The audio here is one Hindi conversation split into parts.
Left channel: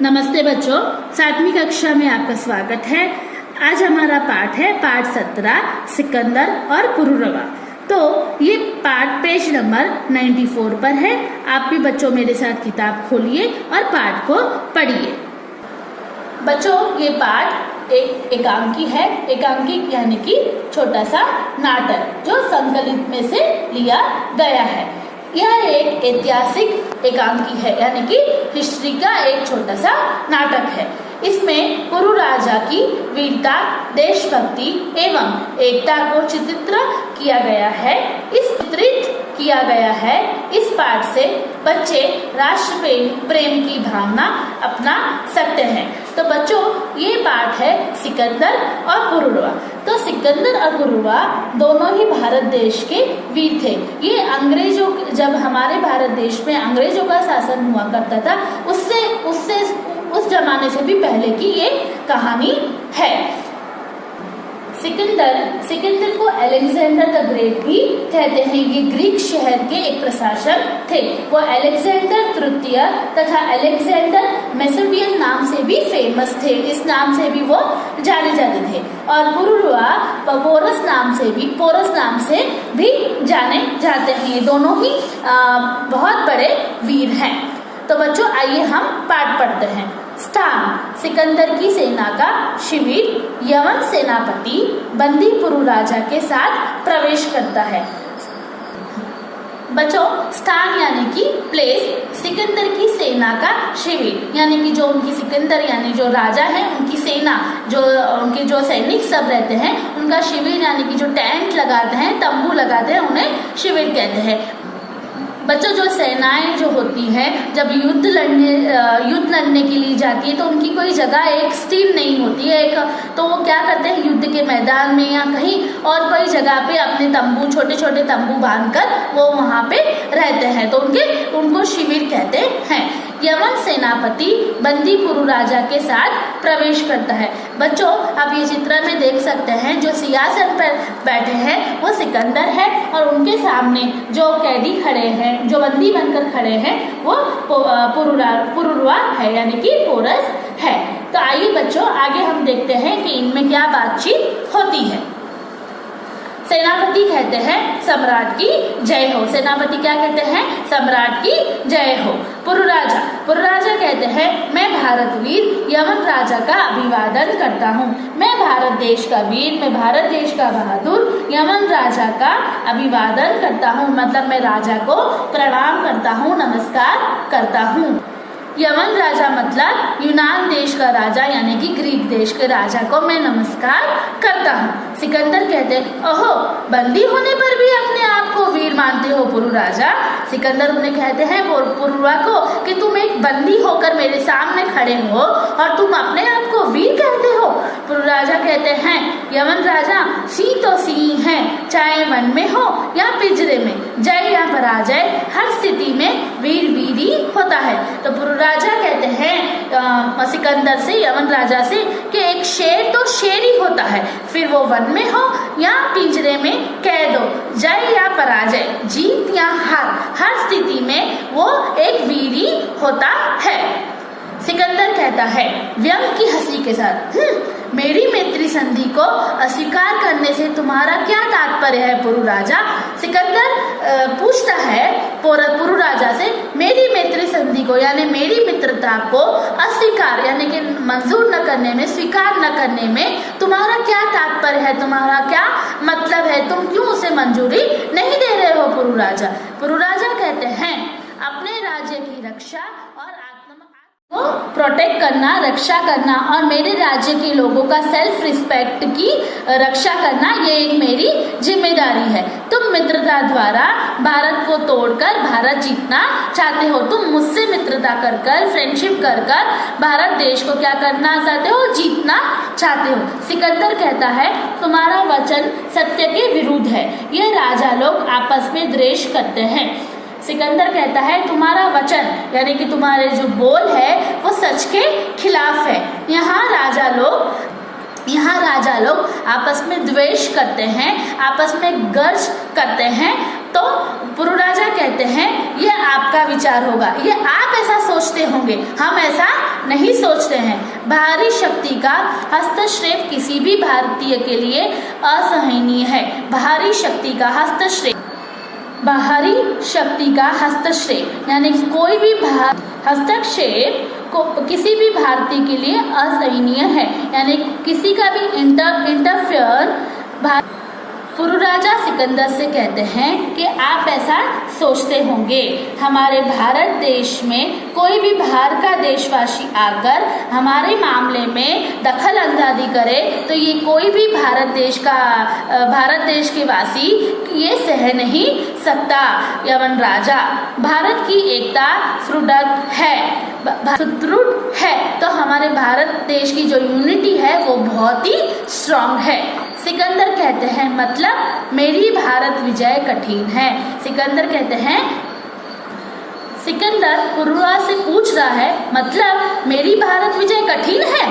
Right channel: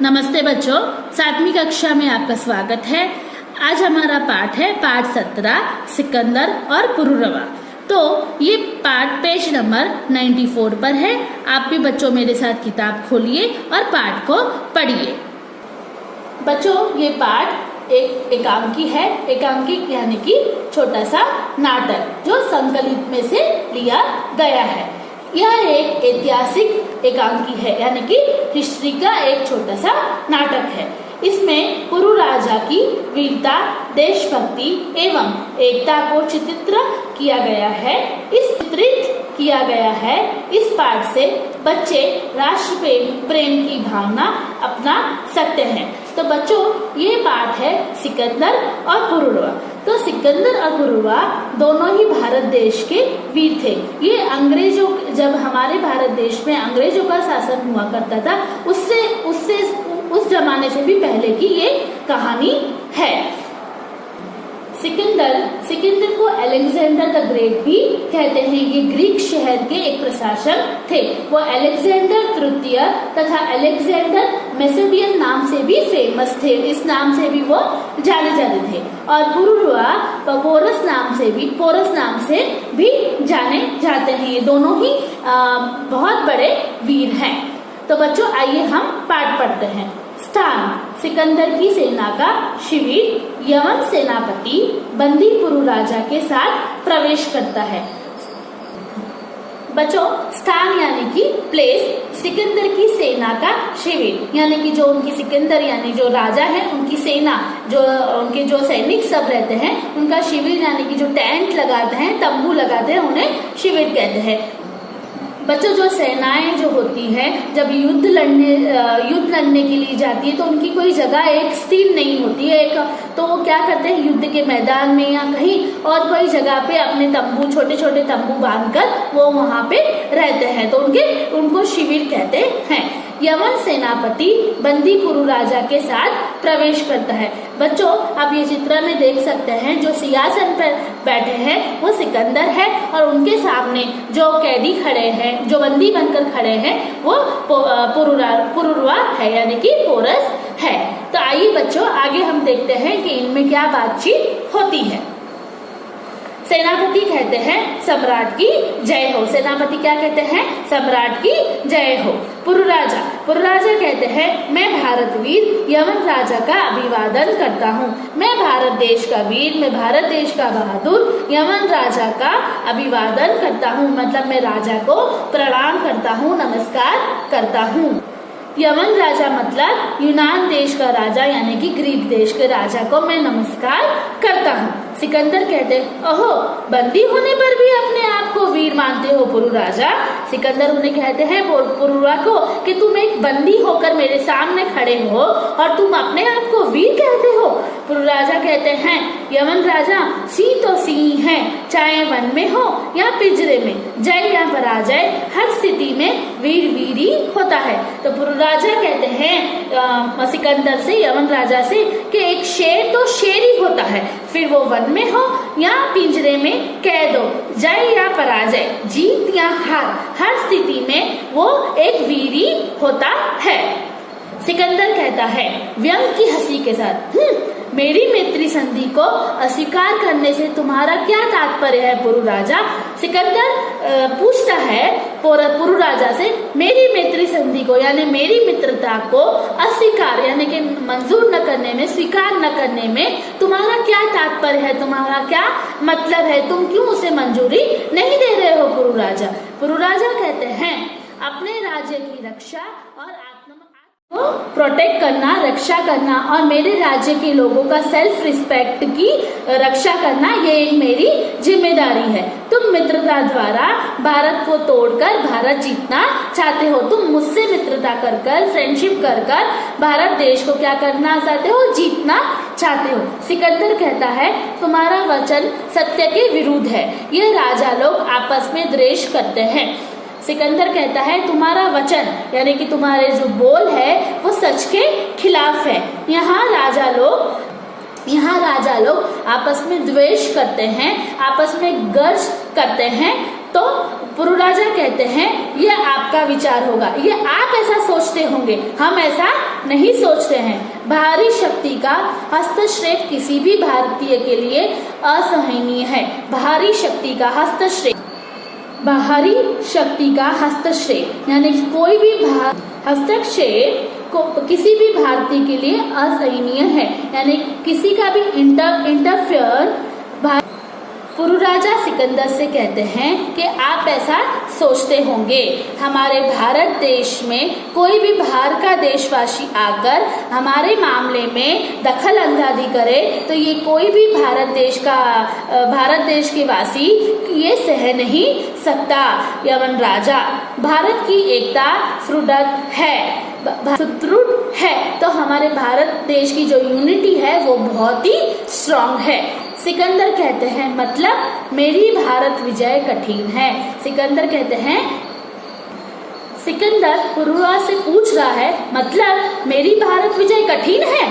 नमस्ते बच्चों, 7वीं कक्षा में आपका स्वागत है। आज हमारा पाठ है पाठ 17 सिकंदर और पुरुरवा। तो ये पाठ पेज नंबर 94 पर है। आप भी बच्चों मेरे साथ किताब खोलिए और पाठ को पढ़िए। बच्चों, ये पाठ एक एकांकी है। एकांकी यानी कि छोटा सा नाटक जो संकलित में से लिया गया है। यह एक ऐतिहासिक एकांकी है, यानी कि हिस्ट्री का एक छोटा सा नाटक है। इसमें पुरु राजा की वीरता, देशभक्ति एवं एकता को चित्रित किया गया है। इस पाठ से बच्चे राष्ट्र प्रेम की भावना अपना सकते हैं। तो बच्चों, ये पाठ है सिकंदर और पुरुरवा। तो सिकंदर और पुरुरवा दोनों ही भारत देश के वीर थे। ये अंग्रेजों, जब हमारे भारत देश में अंग्रेजों का शासन हुआ करता था, उस जमाने से भी पहले की ये कहानी है। सिकंदर को अलेक्जेंडर द ग्रेट भी कहते हैं। ये ग्रीक शहर के एक प्रशासक थे। वो अलेक्जेंडर तृतीय तथा अलेक्जेंडर मैसेडोनियन नाम से भी फेमस थे। इस नाम से भी वो जाने जाते थे। और पुरुरवा पोरस नाम से भी जाने जाते हैं। ये दोनों ही बहुत बड़े वीर हैं। तो बच्चों, आइए हम पाठ पढ़ते हैं। स्थान: सिकंदर की सेना का शिविर। यवन सेनापति बंदी पुरु राजा के साथ प्रवेश करता है। बच्चों, स्थान यानी कि प्लेस, सिकंदर की सेना का शिविर यानी कि जो उनकी सिकंदर यानी जो राजा है, उनकी सेना, जो उनके जो सैनिक सब रहते हैं, उनका शिविर यानी कि जो टेंट लगाते हैं, तंबू लगाते हैं, उन्हें शिविर कहते हैं। बच्चों, जो सेनाएं जो होती हैं, जब युद्ध लड़ने के लिए जाती है, तो उनकी कोई जगह एक स्थिर नहीं होती है। तो वो क्या करते हैं, युद्ध के मैदान में या कहीं और कोई जगह पे अपने तंबू, छोटे छोटे तंबू बांधकर वो वहां पे रहते हैं। तो उनको शिविर कहते हैं। यवन सेनापति बंदी पुरु राजा के साथ प्रवेश करता है। बच्चों, आप ये चित्र में देख सकते हैं, जो सिंहासन पर बैठे हैं वो सिकंदर है और उनके सामने जो कैदी खड़े हैं, जो बंदी बनकर खड़े हैं, वो पुरुरवा है यानी कि पोरस है। तो आइए बच्चों, आगे हम देखते हैं कि इनमें क्या बातचीत होती है। सेनापति कहते हैं सम्राट की जय हो। सेनापति क्या कहते हैं? सम्राट की जय हो। पुरुराजा कहते हैं मैं भारत वीर यवन राजा का अभिवादन करता हूँ। मैं भारत देश का वीर, मैं भारत देश का बहादुर यवन राजा का अभिवादन करता हूँ। मतलब मैं राजा को प्रणाम करता हूँ, नमस्कार करता हूँ। यवन राजा मतलब यूनान देश का राजा यानी कि ग्रीक देश के राजा को मैं नमस्कार करता हूँ। सिकंदर कहते ओहो, बंदी होने पर भी अपने आप को वीर मानते हो पुरु राजा। सिकंदर उन्हें कहते हैं पुरुरवा को कि तुम एक बंदी होकर मेरे सामने खड़े हो और तुम अपने आप को वीर कहते हो। पुरु राजा कहते हैं यवन राजा सिंह तो सिंह है, चाहे वन में हो या पिंजरे में, जय या पराजय हर स्थिति में वीर वीर ही होता है। तो पुरु राजा कहते हैं सिकंदर से, यवन राजा से कि एक शेर तो शेर ही होता है, फिर वो वन में हो या पिंजरे में, कह दो जय या पराजय, जीत या हार, हर स्थिति में वो एक वीर ही होता है। सिकंदर कहता है व्यंग की हंसी के साथ, मेरी मैत्री संधि को अस्वीकार करने से तुम्हारा क्या तात्पर्य है पुरु राजा? सिकंदर पूछता है पुरु राजा से, मेरी मैत्री संधि को यानी मेरी मित्रता को अस्वीकार यानी कि मंजूर न करने में, स्वीकार न करने में तुम्हारा क्या तात्पर्य है, तुम्हारा क्या मतलब है, तुम क्यों उसे मंजूरी नहीं दे रहे हो पुरु राजा? पुरु राजा कहते हैं अपने राज्य की रक्षा और को प्रोटेक्ट करना, रक्षा करना और मेरे राज्य के लोगों का सेल्फ रिस्पेक्ट की रक्षा करना, ये एक मेरी जिम्मेदारी है। तुम मित्रता द्वारा भारत को तोड़कर भारत जीतना चाहते हो। तुम मुझसे मित्रता कर कर, फ्रेंडशिप कर कर भारत देश को क्या करना चाहते हो? जीतना चाहते हो। सिकंदर कहता है तुम्हारा वचन सत्य के विरुद्ध है, ये राजा लोग आपस में द्वेष करते हैं। सिकंदर कहता है तुम्हारा वचन यानी कि तुम्हारे जो बोल है वो सच के खिलाफ है। यहाँ राजा लोग आपस में द्वेष करते हैं, आपस में गर्ज करते हैं। तो पुरु राजा कहते हैं ये आपका विचार होगा, ये आप ऐसा सोचते होंगे, हम ऐसा नहीं सोचते हैं। बाहरी शक्ति का हस्तक्षेप किसी भी भारतीय के लिए असहनीय है। बाहरी शक्ति का हस्तक्षेप, बाहरी शक्ति का हस्तक्षेप यानी कोई भी हस्तक्षेप को किसी भी भारतीय के लिए असहनीय है, यानी किसी का भी इंटरफेयर। पुरु राजा सिकंदर से कहते हैं कि आप ऐसा सोचते होंगे, हमारे भारत देश में कोई भी बाहर का देशवासी आकर हमारे मामले में दखल अंदाजी करे तो ये कोई भी भारत देश के वासी ये सह नहीं सकता। यवन राजा, भारत की एकता सुदृढ़ है तो हमारे भारत देश की जो यूनिटी है वो बहुत ही स्ट्रांग है। सिकंदर कहते हैं मतलब मेरी भारत विजय कठिन है। सिकंदर कहते हैं, सिकंदर पुरुरा से पूछ रहा है मतलब मेरी भारत विजय कठिन है।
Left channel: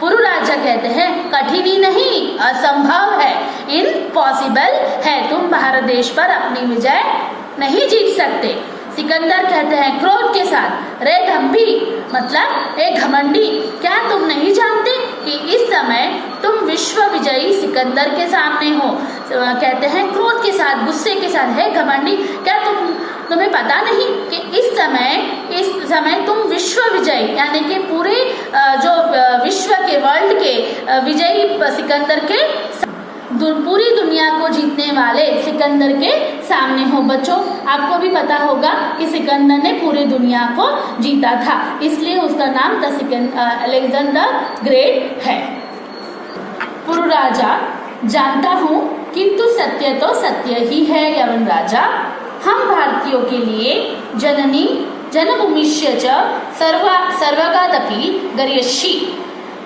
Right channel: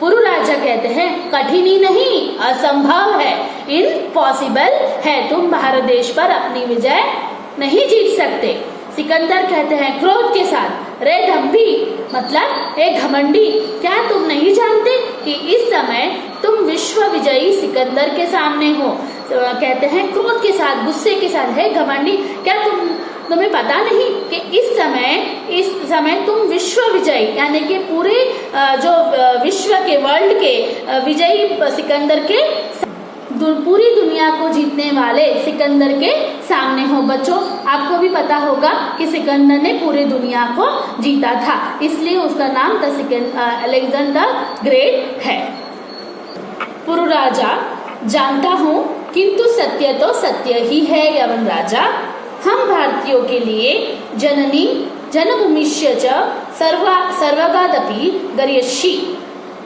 पुरु राजा कहते हैं कठिन ही नहीं, असंभव है, इम्पॉसिबल है, तुम भारत देश पर अपनी विजय नहीं जीत सकते। सिकंदर कहते हैं क्रोध के साथ, रे ढम्बी मतलब एक घमंडी, क्या तुम नहीं जानते कि इस समय तुम विश्व विजयी सिकंदर के सामने हो। कहते हैं क्रोध के साथ, गुस्से के साथ, है घमंडी, क्या तुम्हें पता नहीं कि इस समय तुम विश्व विजयी यानी कि पूरे जो विश्व के वर्ल्ड के विजयी सिकंदर के पूरी दुनिया को जीतने वाले सिकंदर के सामने हो। बच्चों आपको भी पता होगा कि सिकंदर ने पूरी दुनिया को जीता था, इसलिए उसका नाम अलेक्जेंडर ग्रेट है। पुरु राजा, जानता हूँ किंतु सत्य तो सत्य ही है यवन राजा, हम भारतीयों के लिए जननी जन्मभूमिश्च च सर्वगादपि गर्यषि।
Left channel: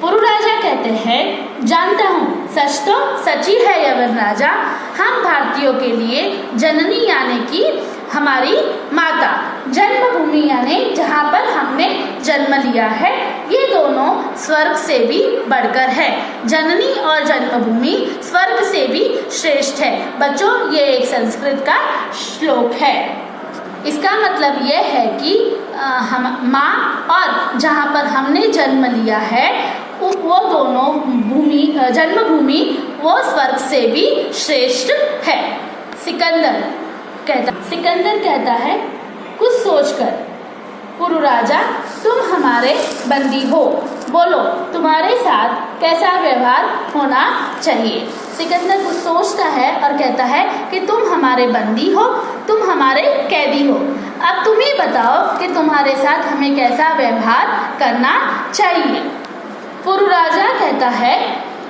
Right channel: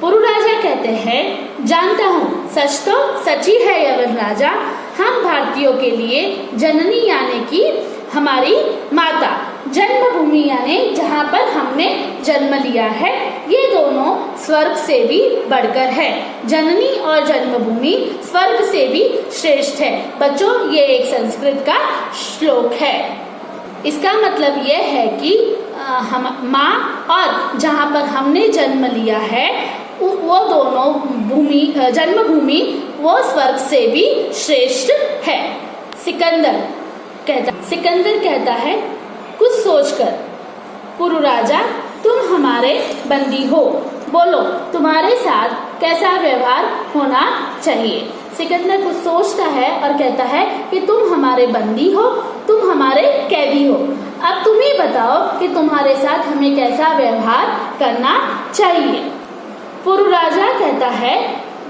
पुरु राजा कहते हैं जानता हूँ सच तो सच ही है यवन राजा, हम भारतीयों के लिए जननी यानी कि हमारी माता, जन्मभूमि यानी जहाँ पर हमने जन्म लिया है, ये दोनों स्वर्ग से भी बढ़कर है। जननी और जन्मभूमि स्वर्ग से भी श्रेष्ठ है। बच्चों ये एक संस्कृत का श्लोक है। इसका मतलब यह है कि हम माँ और जहाँ पर हमने जन्म लिया है वो दोनों जन्मभूमि वो स्वर्ग से भी श्रेष्ठ है। सिकंदर कहता है कुछ सोचकर, पुरु राजा तुम हमारे बंदी हो, बोलो तुम्हारे साथ कैसा व्यवहार होना चाहिए। सिकंदर कुछ सोचता है और कहता है कि तुम हमारे बंदी हो, तुम हमारे कैदी हो, अब तुम ही बताओ कि तुम्हारे साथ हमें कैसा व्यवहार करना चाहिए। पुरु राजा कहता है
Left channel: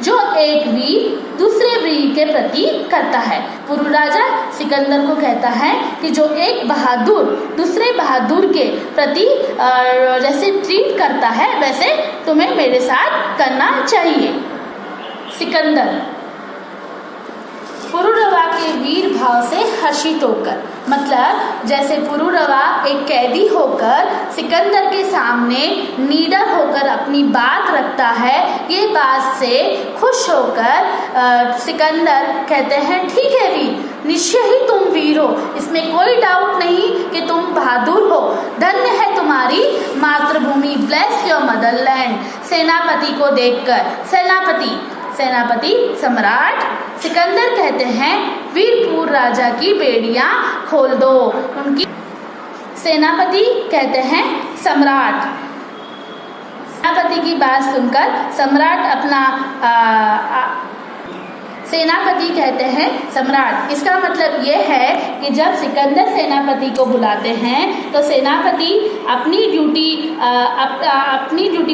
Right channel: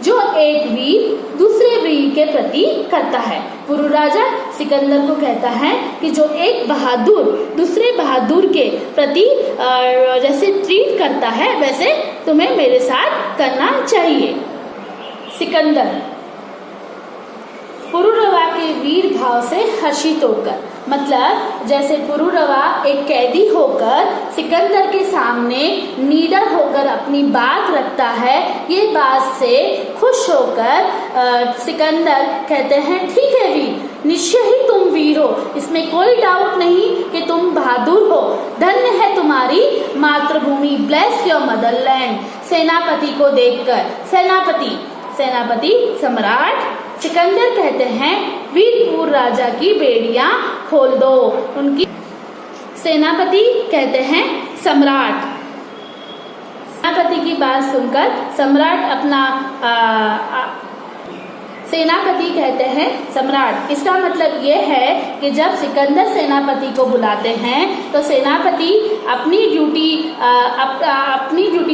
जो एक वीर दूसरे वीर के प्रति करता है। पुरु राजा सिकंदर को कहता है कि जो एक बहादुर दूसरे बहादुर के प्रति जैसे ट्रीट करता है वैसे तुम्हें मेरे साथ करना चाहिए। सिकंदर पुरुरवा के वीर भाव से हर्षित होकर, मतलब जैसे पुरुरवा एक कैदी होकर सिकंदर के सामने निडर होकर अपनी बात रखता है, ये बात से खुश होकर सिकंदर कहते हैं ठीक है वीर, निश्चय ही तुम वीर हो, इसमें कोई डाउट नहीं कि तुम बहादुर हो, धन्य है तुम्हारी मातृभूमि, ब्लेस योर मदरलैंड। सेनापति को देखकर, सेनापति सम्राट सिकंदर कहते हैं वीरपुर राजा की बेड़ियां खोल दो। उनकी सेनापति कहते हैं सम्राट, सेनापति की बात सुनकर सम्राट सेनापति कहते हैं सम्राट। इसका मतलब यह है कि जब सिकंदर सेनापति को बुलाते हैं तो सेनापति अपनी ड्यूटी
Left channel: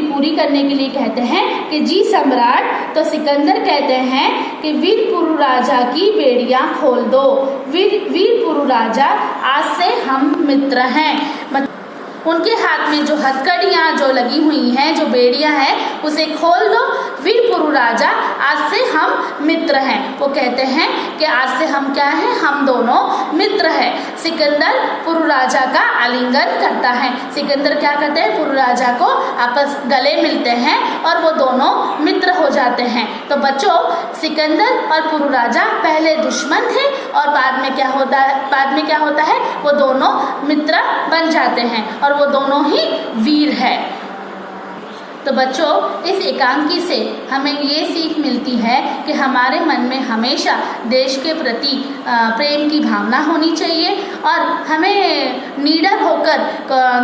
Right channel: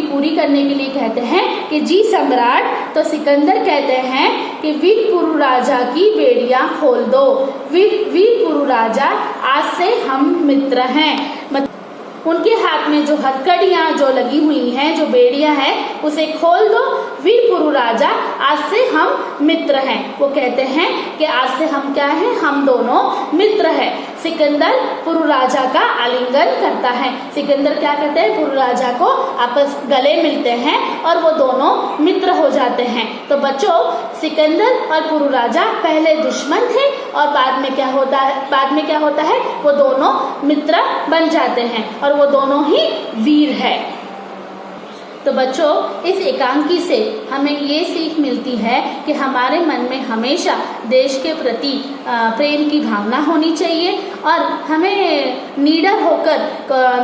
पूरी करने के लिए कहते हैं कि जी सम्राट। तो सिकंदर कहते हैं कि वीरपुरु राजा की बेड़ियां खोल दो। वीरपुरु राजा आज से हम मित्र हैं। उनके हाथ में जो हथकड़ियां जो लगी हुई हैं, जो बेड़ियां हैं, उसे खोल दो। वीरपुरु राजा आज से हम मित्र हैं। वो कहते हैं कि आज से हम क्या हैं, हम दोनों मित्र हैं। सिकंदर पुरु राजा का आलिंगन करता है। सिकंदर क्या करते हैं, पुरु राजा को आपस गले मिलते हैं और वो दोनों मित्र हो जाते हैं। तो बच्चों सिकंदर और पुरु राजा पहले दुश्मन थे और बाद में क्या होता है, वो दोनों मित्र बन जाते हैं और वो दोनों ही वीर है। तो बच्चों, इस एकांकी से हमें ये सीख मिलती है कि हमारे मन में हमेशा देश के प्रति प्रेम की भावना होनी चाहिए और हमें निडर होकर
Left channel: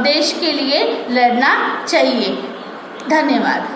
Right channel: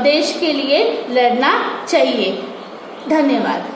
देश के लिए लड़ना चाहिए। धन्यवाद।